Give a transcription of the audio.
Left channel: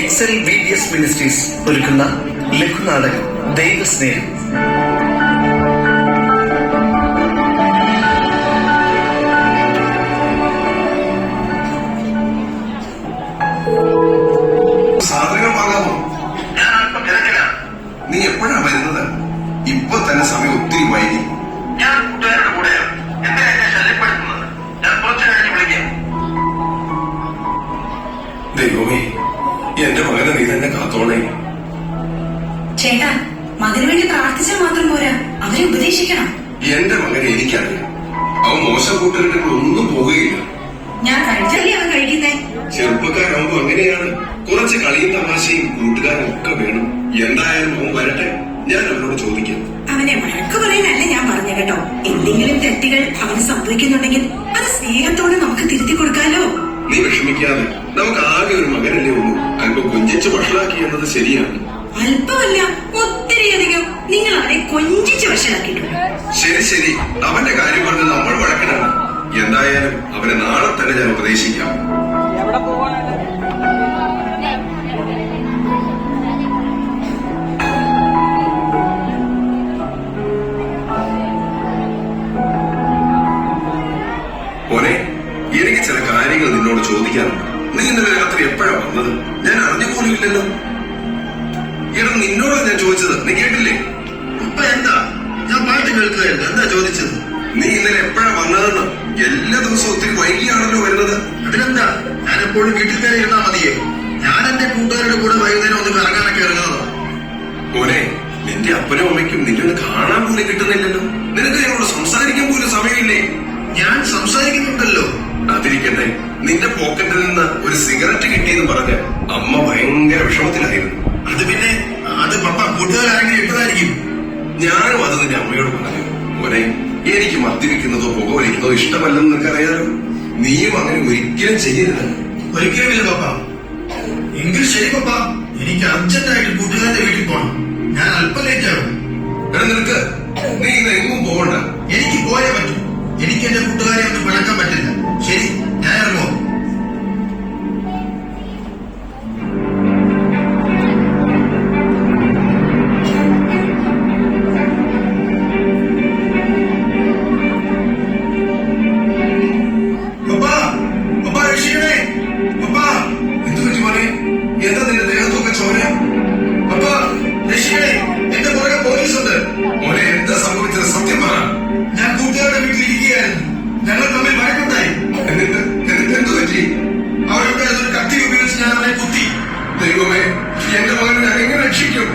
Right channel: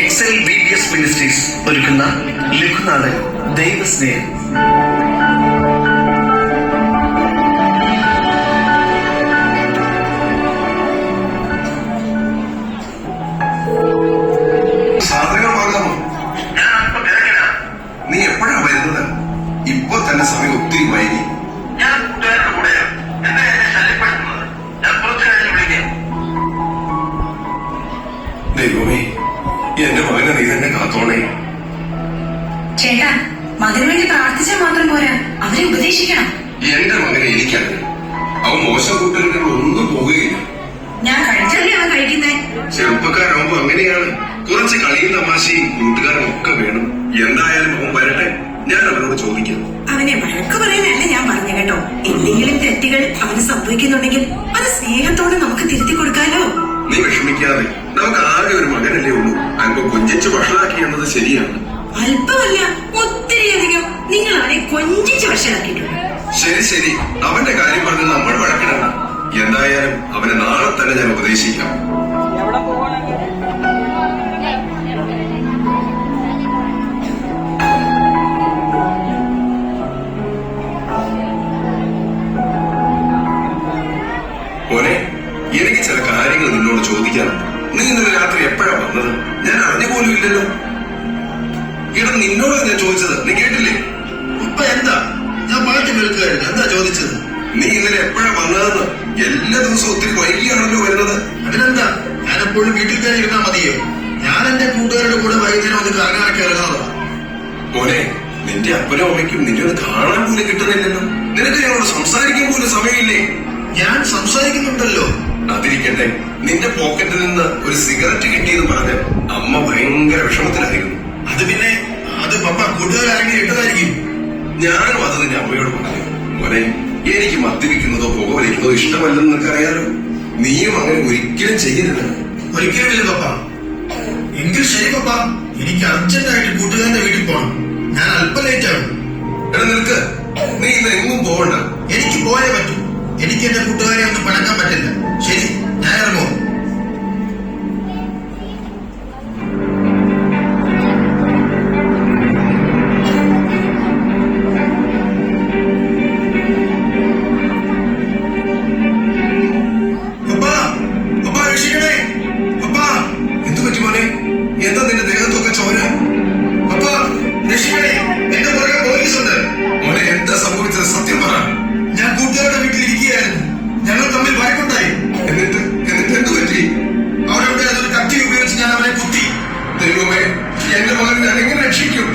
Excel VBS ministries ഒരുക്കുന്ന ലഘുനാടകം ദൈവസ്നേഹം. സാധനമാകാമോ? നീ എപ്പോഴാ വരുന്നത്? ഇപ്പൊ തന്നെ സമയം ഒത്തിരി വൈകി. ദൈവമേ, എന്റെ മകനെ നീ തന്നെ കാത്തോളേ. ചേട്ടാ, മകന് വേണ്ടി പ്രാർത്ഥിച്ചാൽ മാത്രം പോരാ, അവരെ ഉപദേശിക്കണം. എന്റെ മകനെ എനിക്കറിയാം. അവൻ മോശം കൂട്ടുകാരികളൊന്നും പോകുകയില്ല. ഞാൻ കഴിച്ചല്ലേ അവൻ കഴിക്കുന്നേ. ചെറുപ്പക്കാരാകുമ്പോ അങ്ങനെയാണ്. കുറച്ച് കളിയും തമാശയും കൂട്ടുകാരും ഒക്കെ വേണം. എന്തായാലും അവൻ വരട്ടെ, ഞാൻ അവനോട് ചോദിക്കാം. അവനെ വഴക്ക് പറയാനല്ല ഞാൻ പറഞ്ഞു കേട്ടോ. എന്തെങ്കിലും തെറ്റുകൾ അവന് സംഭവിക്കുന്നുണ്ടെങ്കിൽ അത് സ്നേഹത്തോടെ നമുക്ക് തിരുത്തി കൊടുക്കാലോ. നീ വിഷമിക്കാതെ, നമുക്ക് ആകെ ഒരു മകനല്ലേ ഉള്ളൂ. അല്പം കൊഞ്ചിച്ച് വഷളാക്കി എന്നത് ശരിയാണ്. അല്പമല്ല, ഒത്തിരിയധികം നിങ്ങൾ അവനെ കൊഞ്ചിച്ച് വഷളാക്കിയിട്ടുണ്ട്. ശരി ശരി, അവന്റെ കാര്യം പറഞ്ഞ് നമ്മൾ വഴക്കിടണം. എന്തായാലും അവനെ നാളെ തന്നെ ഞാൻ ഉപദേശിക്കാം. മോനെ, എനിക്ക് ചില കാര്യങ്ങൾ നിന്നോട് ചോദിക്കാനുണ്ട്. നീ ഇന്നലെ രാത്രി എപ്പോഴാ വന്നത്? ഞാൻ അറിഞ്ഞു പോലും ഇല്ലല്ലോ. ഇട നിന്നോടാ ഞാൻ ചോദിച്ചത്, നീ കേട്ടില്ലേ? ഇപ്പൊ എന്താ? ഞാൻ പാട്ട് കേൾക്കുകയായിരുന്നു. എന്താ ചോദിച്ചത്? നീ ഇന്നലെ എപ്പോഴാ വന്നതെന്ന്. എല്ലാ ദിവസവും ഒത്തിരി വൈകിയാണല്ലോ വരുന്നത്. അതിനെന്താ? ഞാൻ എപ്പോഴും വീട്ടിൽ തന്നെ ഇരുന്നാ മതിയോ? ഞാൻ എന്റെ കൂട്ടുകാരുടെ കൂടെ വൈകുന്നേരം ഒന്ന് കറങ്ങാനൊക്കെ ഇറങ്ങുന്നതാ. മോനെ, നിന്റെ അപ്പനും അമ്മയ്ക്കും നിന്നെ കാണാൻ പോലും കിട്ടുന്നില്ലല്ലോ. നിനക്ക് ഞങ്ങളോട് സംസാരിക്കാൻ പോലും സമയമില്ലേ? ഞാൻ സംസാരിക്കുന്നുണ്ടല്ലോ. അതിരിക്കട്ടെ, നിന്റെ പോക്കറ്റിൽ നിന്ന് ഒരു സിഗരറ്റ് കിട്ടിയെന്ന് പറഞ്ഞ് അമ്മ ഭയങ്കര വിഷമത്തിലായിരുന്നു. അത് പിന്നെ അത് പപ്പ കൂട്ടുകാരാണെങ്കിൽ ഇട്ടതായിരിക്കും. ഞാനും അത് നിന്റെ അമ്മയോട് പറഞ്ഞു. മോനെ, എനിക്ക് മദ്യപിക്കുന്നതോ പുക വലിക്കുന്നതോ ഇഷ്ടമല്ലെന്ന് നിനക്ക് അറിയാലോ. നീയും അങ്ങനെ ഒരിക്കലും ചെയ്യരുത്. ഒരിക്കലുമില്ല പപ്പ. എങ്കിൽ ശരി പപ്പ, എനിക്ക് അർജന്റായിട്ട് കൂട്ടുകാരന്റെ വീട്ടിൽ പോകണം. ഞാൻ അല്പം ലേറ്റ് ആകും. നിനക്ക് നീ ഇന്ന് എങ്ങും പോകണ്ട. എനിക്ക് പോയേ പറ്റൂ. എനിക്ക് എന്റെ കൂട്ടുകാരെ ഒന്നും പഴക്കാൻ പറ്റില്ല. ശരി, ഞാൻ ഇറങ്ങുമോ? ഞങ്ങൾ തമ്മിൽ വഴക്കുണ്ടായി. എന്നിട്ട് എന്ത് പറ്റി? അവരുടെ കത്തി ഉപയോഗിച്ച് ഞാൻ അവനെ കുത്തി. ദൈവമേ, എന്റെ മകനെ ഞാൻ എങ്ങനെ രക്ഷിക്കും?